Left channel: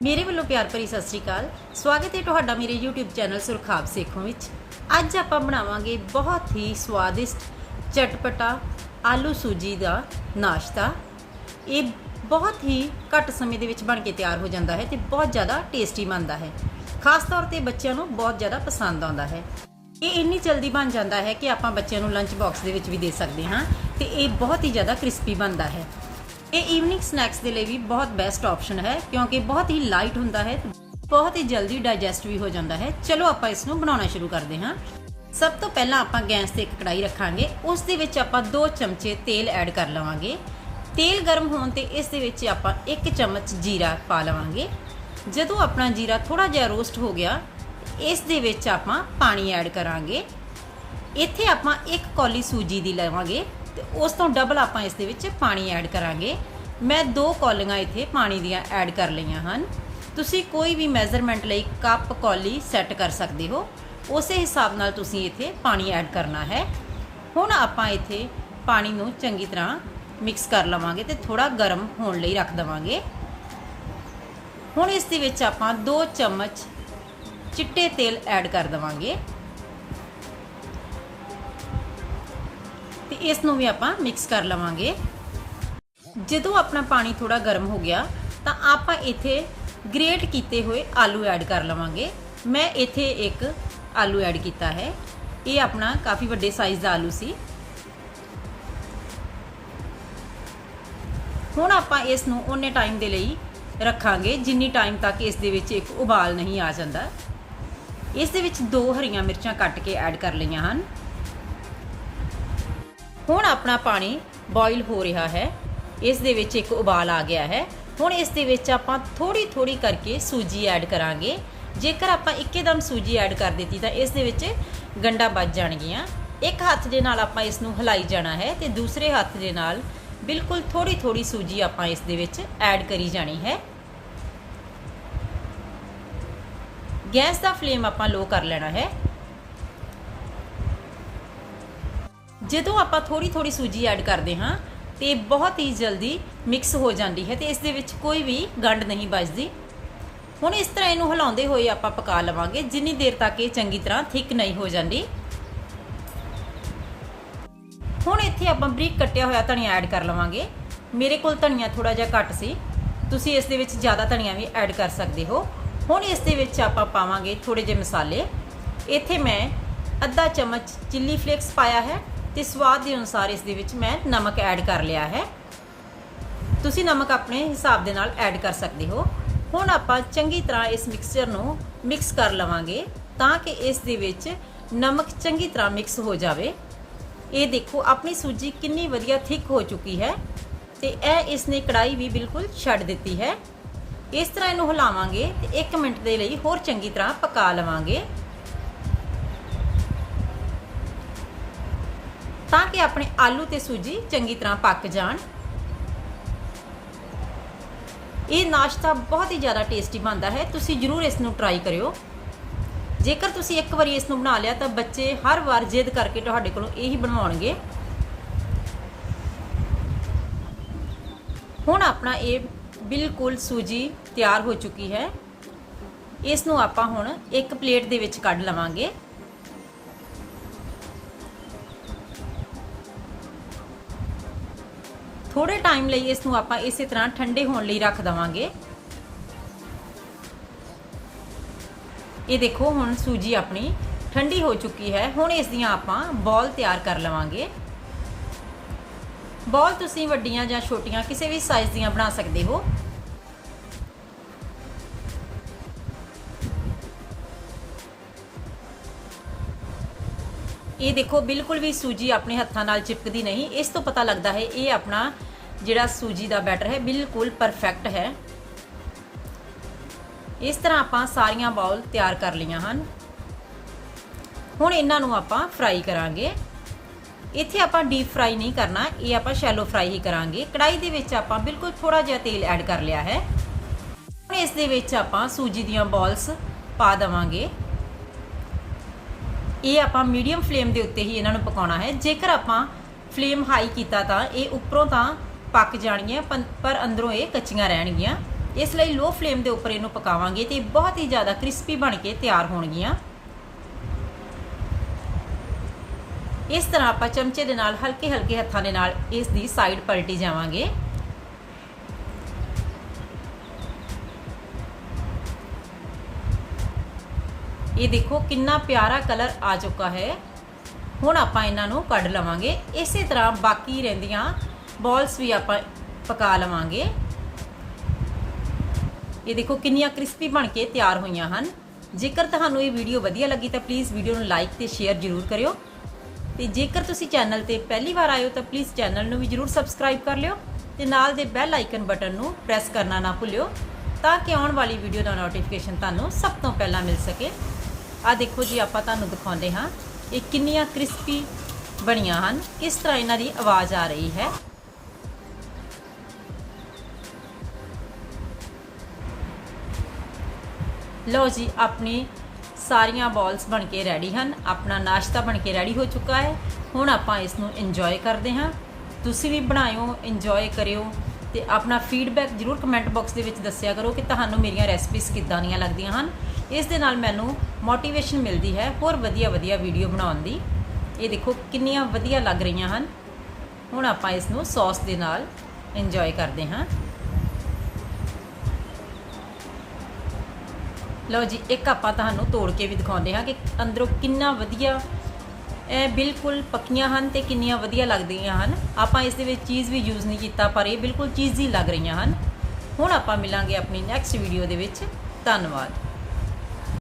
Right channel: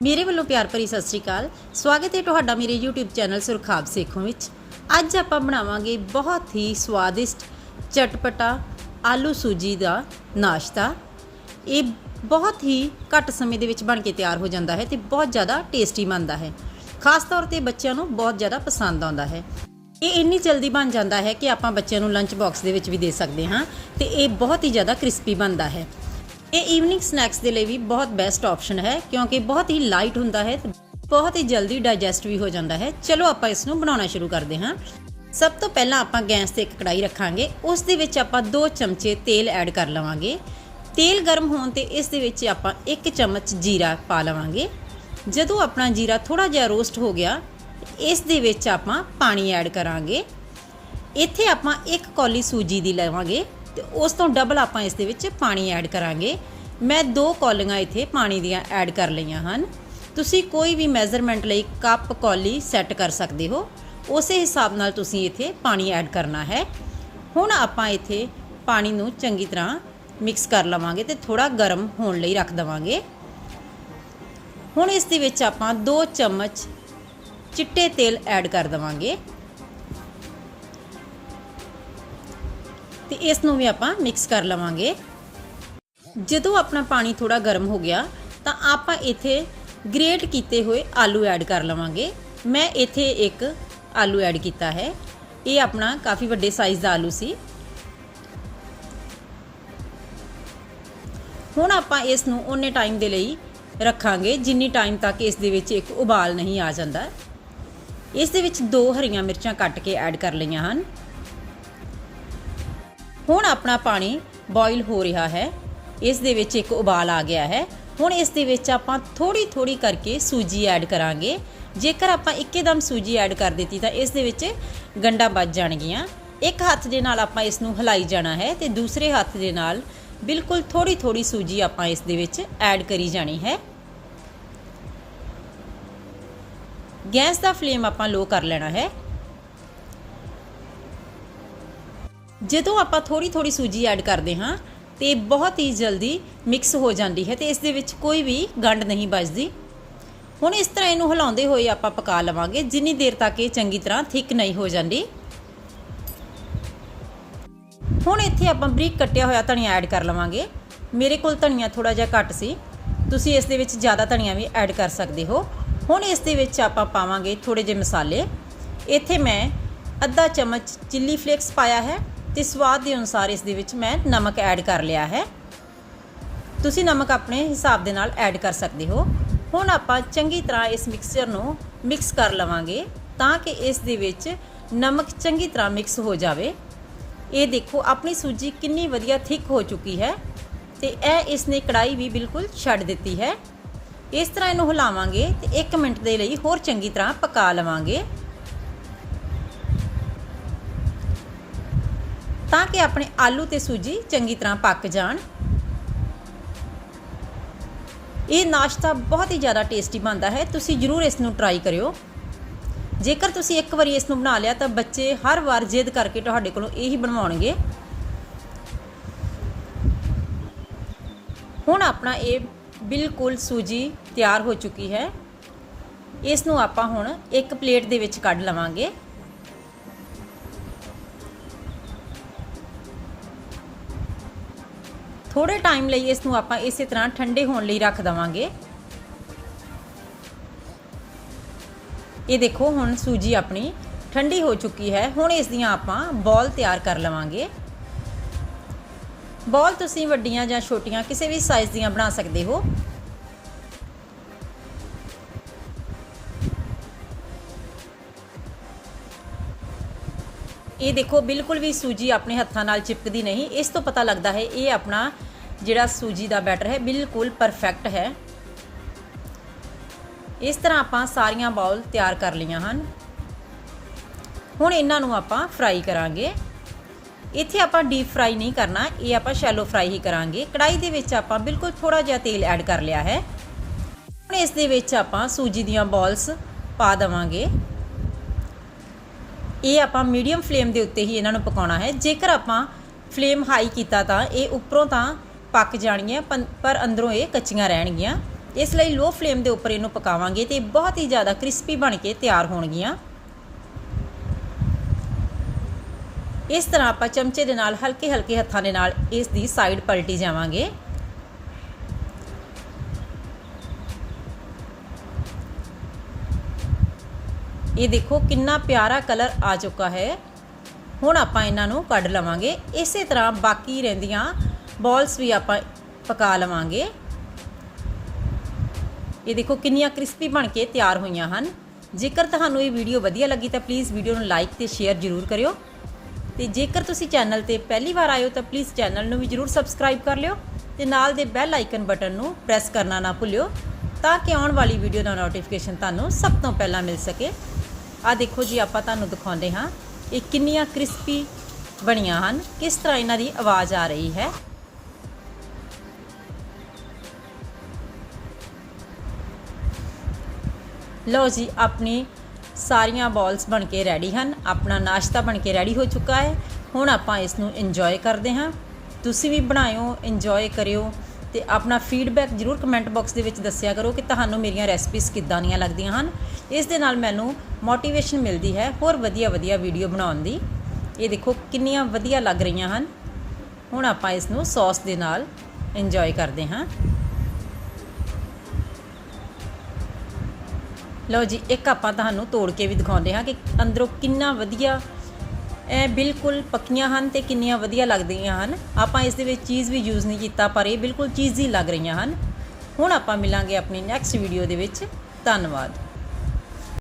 ਮੇਰੇ ਵੱਲੋਂ ਪਿਆਰ ਭਰੀ ਸਤਿ ਸ੍ਰੀ ਅਕਾਲ। ਸਵਾਗਤ ਹੈ ਤੁਹਾਡਾ ਮੇਰੇ YouTube ਚੈਨਲ ਸੁਰਖਾਬ ਸੇਖੋਂ ਵਿੱਚ। ਅੱਜ ਆਪਾਂ ਬਣਾਵਾਂਗੇ ਬਹੁਤ ਹੀ ਸਵਾਦਿਸ਼ਟ ਚਟਪਟਾ ਆਲੂ ਸੂਜੀ ਦਾ ਨਾਸ਼ਤਾ। ਇਹ ਬਹੁਤ ਹੀ ਘੱਟ ਸਮੇਂ ਦੇ ਵਿੱਚ ਬਣ ਕੇ ਤਿਆਰ ਹੋ ਜਾਂਦਾ ਹੈ ਤੇ ਬਹੁਤ ਜ਼ਿਆਦਾ ਟੇਸਟੀ ਬਣਦਾ ਹੈ। ਖਾਸ ਤੌਰ ਤੇ ਬੱਚਿਆਂ ਨੂੰ ਬਹੁਤ ਜ਼ਿਆਦਾ ਪਸੰਦ ਆਉਂਦਾ ਹੈ। ਇਹ ਇੰਨੀ ਜਲਦੀ ਬਣ ਜਾਂਦਾ ਹੈ ਕਿ ਆਪਾਂ ਬੱਚਿਆਂ ਨੂੰ ਲੰਚ ਬਾਕਸ ਦੇ ਵਿੱਚ ਵੀ ਦੇ ਸਕਦੇ ਹਾਂ ਤੇ ਇਹ ਬਹੁਤ ਹੀ ਜ਼ਿਆਦਾ ਕ੍ਰਿਸਪੀ ਬਣਦਾ ਹੈ। ਇਹ ਈਵਨਿੰਗ ਸਨੈਕਸ ਦੇ ਲਈ ਵੀ ਬਹੁਤ ਬੈਸਟ ਆਪਸ਼ਨ ਹੈ, ਕਿਉਂਕਿ ਬਹੁਤ ਹੀ ਲਾਈਟ ਹੁੰਦਾ ਹੈ ਤੇ ਬਹੁਤ ਹੀ ਜਲਦੀ ਡਾਈਜੈਸਟ ਵੀ ਹੋ ਜਾਂਦਾ ਹੈ। ਚਲੋ ਆਪਾਂ ਇਸ ਨੂੰ ਬਣਾਉਣਾ ਸ਼ੁਰੂ ਕਰਦੇ ਹਾਂ। ਸਭ ਤੋਂ ਪਹਿਲਾਂ ਆਪਾਂ ਗੈਸ ਤੇ ਇੱਕ ਕੜਾਈ ਰੱਖਾਂਗੇ। ਉਸ ਦੇ ਵਿੱਚ ਆਪਾਂ 2 ਚਮਚੇ ਤੇਲ ਐਡ ਕਰ ਲਵਾਂਗੇ। ਤੇਲ ਗਰਮ ਹੋਣ ਤੇ ਇਸ ਦੇ ਵਿੱਚ ਆਪਾਂ 1 ਚਮਚ ਜੀਰਾ ਪਾ ਲਵਾਂਗੇ। ਜਦੋਂ ਆਪਣਾ ਜੀਰਾ ਥੋੜਾ ਜਿਹਾ ਰੋਸਟ ਹੋ ਗਿਆ, ਇਸ ਦੇ ਵਿੱਚ ਆਪਾਂ ਪਾਣੀ ਐਡ ਕਰਾਂਗੇ। ਇੱਥੇ ਆਪਾਂ ਇੱਕ ਕੌਲੀ ਸੂਜੀ ਦੀ ਲਵਾਂਗੇ। ਤੇ ਉਸ ਤੋਂ ਡਬਲ ਆਪਾਂ ਇਸ ਦੇ ਵਿੱਚ ਪਾਣੀ ਐਡ ਕਰਾਂਗੇ। ਮੈਂ ਦੋ ਕੌਲੀਆਂ ਇੱਥੇ ਪਾਣੀ ਦੀਆਂ ਐਡ ਕਰ ਲਈਆਂ ਹਨ। ਤੁਸੀਂ ਕੋਈ ਵੀ ਮੈਜ਼ਰਮੈਂਟ ਲਈ ਕੱਪ ਕੌਲੀ ਸੈੱਟ ਕਰ ਸਕਦੇ ਹੋ। ਉਸੇ ਹਿਸਾਬ ਨਾਲ ਤੁਸੀਂ ਇੱਥੇ ਪਾਣੀ ਐਡ ਕਰਨਾ ਹੈ। ਹੁਣ ਆਪਾਂ ਇੱਥੇ ਪਾਣੀ ਨੂੰ ਚੰਗੀ ਤਰ੍ਹਾਂ ਮਿਕਸ ਕਰ ਲਵਾਂਗੇ ਤੇ ਥੋੜਾ ਗਰਮ ਹੋਣ ਲਈ ਰੱਖ ਦਵਾਂਗੇ। ਹੁਣ ਇਸ ਦੇ ਵਿੱਚ ਆਪਾਂ 2 ਚਮਚ ਚਿੱਟੇ ਤੇਲ ਐਡ ਕਰ ਦਵਾਂਗੇ। ਤੇ ਇਸ ਨੂੰ ਵੀ ਆਪਾਂ ਮਿਕਸ ਕਰ ਲਵਾਂਗੇ। ਜਦੋਂ ਆਪਣਾ ਪਾਣੀ ਥੋੜਾ ਗਰਮ ਹੋ ਗਿਆ, ਤਾਂ ਆਪਾਂ ਇੱਥੇ ਗ੍ਰੇਟ ਕੀਤੇ ਹੋਏ ਆਲੂ ਐਡ ਕਰ ਲਵਾਂਗੇ। ਮੈਂ ਇੱਥੇ ਇੱਕ ਆਲੂ ਐਡ ਕੀਤਾ ਹੈ। ਇਹ ਆਪਣਾ ਕਾਫੀ ਵੱਡੇ ਸਾਈਜ਼ ਦਾ ਆਲੂ ਸੀ। ਹੁਣ ਆਪਾਂ ਇਸ ਨੂੰ ਉਹਨੇ ਟਾਈਮ ਦੇ ਲਈ ਰੱਖਾਂਗੇ, ਜਿੰਨੀ ਟਾਈਮ ਤੱਕ ਇਸ ਦੇ ਵਿੱਚ ਇੱਕ ਉਬਾਲ ਨਹੀਂ ਆ ਜਾਂਦਾ। ਇਸ ਦੇ ਵਿੱਚ ਦੋ ਹਰੀਆਂ ਮਿਰਚਾਂ ਕੱਟ ਕੇ ਐਡ ਕਰ ਲਈਆਂ ਹਨ। ਹੁਣ ਆਪਣਾ ਪਾਣੀ ਬੋਇਲ ਹੋ ਰਿਹਾ ਹੈ। ਇਸ ਦੇ ਵਿੱਚ ਇੱਕ ਉਬਾਲ ਆ ਗਿਆ ਹੈ। ਹੁਣ ਇਸ ਦੇ ਵਿੱਚ ਆਪਾਂ ਥੋੜੀ ਥੋੜੀ ਕਰਕੇ ਸੂਜੀ ਐਡ ਕਰਾਂਗੇ। ਜੇਕਰ ਆਪਾਂ ਇੱਕੇਦਮ ਸੂਜੀ ਐਡ ਕਰ ਦਿੱਤੀ ਤਾਂ ਇਸ ਦੇ ਵਿੱਚ ਗੰਡਾ ਵੱਜ ਜਾਣਗੀਆਂ। ਇੱਕ ਹੱਥ ਦੇ ਨਾਲ ਆਪਾਂ ਇਸ ਨੂੰ ਹਿਲਾਈ ਜਾਣਾ ਹੈ ਤੇ ਦੂਸਰੇ ਹੱਥ ਦੇ ਨਾਲ ਬਿਲਕੁਲ ਥੋੜੀ ਥੋੜੀ ਸੂਜੀ ਆਪਾਂ ਇਸ ਦੇ ਵਿੱਚ ਐਡ ਕਰੀ ਜਾਣੀ ਹੈ। ਗੈਸ ਦਾ ਫਲੇਮ ਆਪਾਂ ਲੋ ਕਰ ਲੈਣਾ ਹੈ। ਜਦੋਂ ਆਪਾਂ ਥੋੜੀ ਥੋੜੀ ਸੂਜੀ ਐਡ ਕਰਦੇ ਹਾਂ ਤੇ ਬਹੁਤ ਹੀ ਜਲਦੀ ਮਿਕਸ ਹੋ ਜਾਂਦੀ ਹੈ ਤੇ ਇਸ ਦੇ ਵਿੱਚ ਕੋਈ ਵੀ ਗੰਢ ਨਹੀਂ ਬਚਦੀ। ਹੁਣ ਇਸ ਤਰ੍ਹਾਂ ਇਹਨੂੰ ਹਿਲਾਉਂਦੇ ਹੋਏ ਆਪਾਂ ਪਕਾ ਲਵਾਂਗੇ। ਜਿੰਨੀ ਦੇਰ ਤੱਕ ਇਹ ਚੰਗੀ ਤਰ੍ਹਾਂ ਥਿਕ ਨਹੀਂ ਹੋ ਜਾਂਦੀ। ਹੁਣ ਇੱਥੇ ਆਪਾਂ ਬਰੀਕ ਕੱਟਿਆ ਹੋਇਆ ਧਨੀਆ ਐਡ ਕਰ ਲਵਾਂਗੇ। ਮੇਰੇ ਕੋਲ ਧਨੀਆ ਥੋੜਾ ਜਿਹਾ ਘੱਟ ਸੀ। ਤੁਸੀਂ ਇਸ ਦੇ ਵਿੱਚ ਜ਼ਿਆਦਾ ਧਨੀਆ ਵੀ ਐਡ ਕਰ ਸਕਦੇ ਹੋ। ਹੁਣ ਇਸ ਦੇ ਵਿੱਚ ਆਪਾਂ ਪਾਵਾਂਗੇ ਥੋੜੇ ਜਿਹੇ ਮਸਾਲੇ। ਇੱਥੇ ਮੈਂ ਅੱਧਾ ਚਮਚ ਚਿੱਲੀ ਫਲੇਕਸ ਪਾਇਆ ਹੈ। ਤੇ ਸਵਾਦ ਦੇ ਅਨੁਸਾਰ ਇਸ ਦੇ ਵਿੱਚ ਮੈਂ ਨਮਕ ਐਡ ਕਰ ਲਿਆ ਹੈ। ਤੁਸੀਂ ਨਮਕ ਆਪਣੇ ਹਿਸਾਬ ਦੇ ਨਾਲ ਐਡ ਕਰ ਸਕਦੇ ਹੋ। ਹੁਣ ਆਪਾਂ ਚੰਗੀ ਤਰ੍ਹਾਂ ਇਸ ਮਿਕਸਚਰ ਨੂੰ ਮਿਕਸ ਕਰ ਲਵਾਂਗੇ ਤਾਂ ਕਿ ਇਸ ਦੇ ਵਿੱਚ ਨਮਕ ਚੰਗੀ ਤਰ੍ਹਾਂ ਮਿਕਸ ਹੋ ਜਾਵੇ। ਇਹ ਦੇਖੋ, ਆਪਣੀ ਸੂਜੀ ਕਿੰਨੀ ਵਧੀਆ ਥਿਕ ਹੋ ਚੁੱਕੀ ਹੈ ਤੇ ਇਹ ਇਸ ਨੇ ਕੜਾਈ ਵੀ ਬਿਲਕੁਲ ਛੱਡ ਦਿੱਤੀ ਹੈ। ਇਸ ਤਰ੍ਹਾਂ ਇਹਨੂੰ ਹਿਲਾਵਾਂਗੇ ਤੇ 1 ਮਿੰਟ ਦੇ ਲਈ ਹੋਰ ਚੰਗੀ ਤਰ੍ਹਾਂ ਪਕਾ ਲਵਾਂਗੇ। ਤਾਂ ਕਿ ਆਪਣੇ ਆਲੂ ਤੇ ਸੂਜੀ ਚੰਗੀ ਤਰ੍ਹਾਂ ਪੱਕ ਜਾਣ। ਇਹ ਨਾਸ਼ਤਾ ਬਹੁਤ ਹੀ ਜ਼ਿਆਦਾ ਟੇਸਟੀ ਬਣਦਾ ਹੈ। ਤੁਸੀਂ ਜਰੂਰ ਇਸ ਨੂੰ ਟਰਾਈ ਕਰਿਓ। ਜੇਕਰ ਤੁਸੀਂ ਇੱਕ ਵਾਰੀ ਇਸ ਨੂੰ ਬਣਾ ਲਿਆ, ਤਾਂ ਬੱਚੇ ਹਰ ਵਾਰ ਜਿੱਦ ਕਰਕੇ ਤੁਹਾਡੇ ਕੋਲੋਂ ਇਹੀ ਬਣਵਾਉਣਗੇ। ਹੁਣ ਆਪਣਾ ਇਹ ਬਿਲਕੁਲ ਸੂਜੀ ਤਿਆਰ ਹੋ ਚੁੱਕੀ ਹੈ। ਇਸ ਨੂੰ ਆਪਾਂ ਹੁਣ ਇੱਕ ਪਲੇਟ ਦੇ ਵਿੱਚ ਕੱਢ ਲਵਾਂਗੇ। ਥੋੜੇ ਟਾਈਮ ਲਈ ਇਸ ਨੂੰ ਆਪਾਂ ਇਸੇ ਤਰ੍ਹਾਂ ਠੰਡੇ ਹੋਣ ਲਈ ਰੱਖ ਦਵਾਂਗੇ। ਇਹ ਦੇਖੋ, ਹੁਣ ਸੂਜੀ ਆਪਣੀ ਠੰਡੀ ਹੋ ਚੁੱਕੀ ਹੈ। ਹੁਣ ਇਸ ਦੀਆਂ ਆਪਾਂ ਬॉल ਤਿਆਰ ਕਰ ਲਵਾਂਗੇ। ਬॉल ਤੁਸੀਂ ਵੱਡੀਆਂ ਜਾਂ ਛੋਟੀਆਂ ਕਿਸੇ ਵੀ ਸਾਈਜ਼ ਦੀਆਂ ਬਣਾ ਸਕਦੇ ਹੋ। ਇਹ ਦੇਖੋ, ਬਿਲਕੁਲ ਵੀ ਸੂਜੀ ਆਪਣੇ ਹੱਥਾਂ ਨਾਲ ਚਿਪਕਦੀ ਨਹੀਂ। ਇਸ ਤੋਂ ਪਤਾ ਲੱਗਦਾ ਹੈ, ਇਹ ਆਪਣਾ ਜਿਹੜਾ ਸੂਜੀ ਦਾ ਬੈਟਰ ਹੈ, ਬਿਲਕੁਲ ਪਰਫੈਕਟ ਹੈ। ਇਸ ਤਰ੍ਹਾਂ ਆਪਾਂ ਸਾਰੀਆਂ ਬਾਉਲ ਤਿਆਰ ਕਰ ਲਈਆਂ ਹਨ। ਹੁਣ ਇਹਨਾਂ ਨੂੰ ਆਪਾਂ ਫਰਾਈ ਕਰਾਂਗੇ। ਇੱਥੇ ਆਪਾਂ ਡੀਪ ਫਰਾਈ ਨਹੀਂ ਕਰਨਾ, ਇਹ ਆਪਾਂ ਸ਼ੈਲੋ ਫਰਾਈ ਹੀ ਕਰਾਂਗੇ। ਕੜਾਈ ਦੇ ਵਿੱਚ ਆਪਾਂ ਬਿਲਕੁਲ ਥੋੜਾ ਜਿਹਾ ਤੇਲ ਐਡ ਕਰ ਲਿਆ ਹੈ। ਹੁਣ ਇਸ ਦੇ ਵਿੱਚ ਆਪਾਂ ਸੂਜੀ ਦੀਆਂ ਬਾਲਸ ਪਾ ਦਵਾਂਗੇ। ਇਹ ਆਪਾਂ ਮੀਡੀਅਮ ਫਲੇਮ ਦੇ ਉੱਤੇ ਹੀ ਇਹਨਾਂ ਨੂੰ ਪਕਾਉਣਾ ਹੈ। ਜੇਕਰ ਆਪਾਂ ਫਲੇਮ ਹਾਈ ਕੀਤਾ ਤਾਂ ਇਹ ਉੱਪਰੋਂ ਤਾਂ ਪੱਕ ਜਾਣਗੀਆਂ ਪਰ ਅੰਦਰੋਂ ਇਹ ਕੱਚੀਆਂ ਰਹਿਣਗੀਆਂ। ਇਸ ਲਈ ਲੋ ਫਲੇਮ ਦੇ ਉੱਪਰ ਇਹਨੂੰ ਪਕਾਵਾਂਗੇ ਤੇ ਬਹੁਤ ਹੀ ਜ਼ਿਆਦਾ ਕ੍ਰਿਸਪੀ ਬਣ ਕੇ ਤਿਆਰ ਹੋਣਗੀਆਂ। ਇਸ ਤਰ੍ਹਾਂ ਆਪਾਂ ਚਮਚੇ ਦੇ ਨਾਲ ਹਲਕੇ ਹਲਕੇ ਹੱਥਾਂ ਦੇ ਨਾਲ ਇਸ ਦੀ ਸਾਈਡ ਪਲਟੀ ਜਾਵਾਂਗੇ। ਇਹ ਦੇਖੋ ਕਿੰਨਾ ਪਿਆਰਾ ਕਲਰ ਆ ਚੁੱਕਾ ਹੈ। ਹੁਣ ਆਪਾਂ ਇਹਨਾਂ ਨੂੰ ਕੱਢ ਲਵਾਂਗੇ। ਇਸੇ ਤਰ੍ਹਾਂ ਬਾਕੀ ਰਹਿੰਦੀਆਂ ਬਾਲਸ ਵੀ ਆਪਾਂ ਪਕਾ ਲਵਾਂਗੇ। ਇਹ ਦੇਖੋ ਕਿੰਨੀਆਂ ਕ੍ਰਿਸਪੀ ਬਣ ਕੇ ਤਿਆਰ ਹੋਈਆਂ ਹਨ। ਜੇਕਰ ਤੁਹਾਨੂੰ ਇਹ ਵੀਡੀਓ ਵਧੀਆ ਲੱਗੀ ਤਾਂ ਪਲੀਜ਼ ਵੀਡੀਓ ਨੂੰ ਲਾਈਕ ਤੇ ਸ਼ੇਅਰ ਜ਼ਰੂਰ ਕਰਿਓ। ਤੇ ਜੇਕਰ ਤੁਸੀਂ ਚੈਨਲ ਤੇ ਪਹਿਲੀ ਵਾਰ ਆਏ ਹੋ ਤਾਂ ਪਲੀਜ਼ ਚੈਨਲ ਨੂੰ ਵੀ ਜ਼ਰੂਰ ਸਬਸਕ੍ਰਾਈਬ ਕਰ ਲਿਓ ਤੇ ਨਾਲ ਦੇ ਬੈਲ ਆਈਕਨ ਬਟਨ ਨੂੰ ਪ੍ਰੈਸ ਕਰਨਾ ਨਾ ਭੁੱਲਿਓ ਤਾਂ ਕਿ ਆਉਣ ਵਾਲੀ ਵੀਡੀਓ ਦਾ ਨੋਟੀਫਿਕੇਸ਼ਨ ਤੁਹਾਨੂੰ ਸਭ ਤੋਂ ਪਹਿਲਾਂ ਮਿਲ ਸਕੇ। ਆ ਦੇਖੋ ਜੀ, ਆਪਾਂ ਤੁਹਾਨੂੰ ਦਿਖਾਉਂਦੇ ਹਾਂ ਇਹ ਕਿੰਨੀਆਂ ਕ੍ਰਿਸਪੀ ਬਣੀਆਂ ਹਨ, ਕਿਸ ਤਰ੍ਹਾਂ ਇਹਨਾਂ ਦੀ ਆਵਾਜ਼ ਆ ਰਹੀ ਹੈ। ਲਓ ਜੀ, ਆਪਣੀ ਸਾਰੀਆਂ ਬਾਲਸ ਬਣ ਕੇ ਰੈਡੀ ਹਨ। ਆਪਣਾ ਨਾਸ਼ਤਾ ਬਣ ਕੇ ਰੈਡੀ ਹੋ ਚੁੱਕਾ ਹੈ। ਹੁਣ ਆਪਾਂ ਇਸ ਨੂੰ ਇੰਜੋਏ ਕਰਦੇ ਹਾਂ। ਤੁਸੀਂ ਵੀ ਬਣਾਇਓ ਇੰਜੋਏ ਕਰਿਓ ਤੇ ਆਪਣਾ ਫੀਡਬੈਕ ਜਰੂਰ ਕਮੈਂਟ ਬਾਕਸ ਦੇ ਵਿੱਚ ਦੱਸਿਆ ਕਰੋ ਕਿ ਤੁਹਾਨੂੰ ਮੇਰੀਆਂ ਰੈਸਪੀਜ਼ ਕਿੱਦਾਂ ਦੀਆਂ ਲੱਗਦੀਆਂ ਹਨ। ਇਸ ਦੇ ਨਾਲ ਮੈਨੂੰ ਮੋਟੀਵੇਸ਼ਨ ਮਿਲਦੀ ਹੈ ਹੋਰ ਵਧੀਆ ਵਧੀਆ ਵੀਡੀਓ ਬਣਾਉਣ ਦੀ। ਇਹ ਦੇਖੋ ਕਿੰਨੀਆਂ ਵਧੀਆ ਲੱਗ ਰਹੀਆਂ ਹਨ। ਹੁਣ ਆਪਾਂ ਇਸ ਨੂੰ ਸੌਸ ਦੇ ਨਾਲ ਇੰਜੋਏ ਕਰਦੇ ਹਾਂ। ਲਓ ਜੀ, ਇੱਕ ਆਪਾਂ ਤੁਹਾਨੂੰ ਤੋੜ ਕੇ ਵੀ ਦਿਖਾਉਂਦੇ ਹਾਂ ਕਿ ਅੰਦਰੋਂ ਕਿੰਨਾ ਵਧੀਆ, ਇਹ ਬਿਲਕੁਲ ਪੱਕੀਆਂ ਹਨ ਤੇ ਕਿੰਨੀਆਂ ਵਧੀਆ ਲੱਗਦੀਆਂ ਹਨ। ਆਪਾਂ ਇਸ ਦੇ ਵਿੱਚ ਚੀਜ਼ ਵੀ ਯੂਜ਼ ਨਹੀਂ ਕੀਤਾ, ਪਰ ਇਹ ਬਿਲਕੁਲ ਚੀਜ਼ ਹੀ ਲੱਗ ਰਹੀਆਂ ਹਨ। ਹੁਣ ਆਪਾਂ ਮਿਲਾਂਗੇ ਆਪਣੀ ਨੈਕਸਟ ਵੀਡੀਓ ਦੇ ਵਿੱਚ। ਧੰਨਵਾਦ।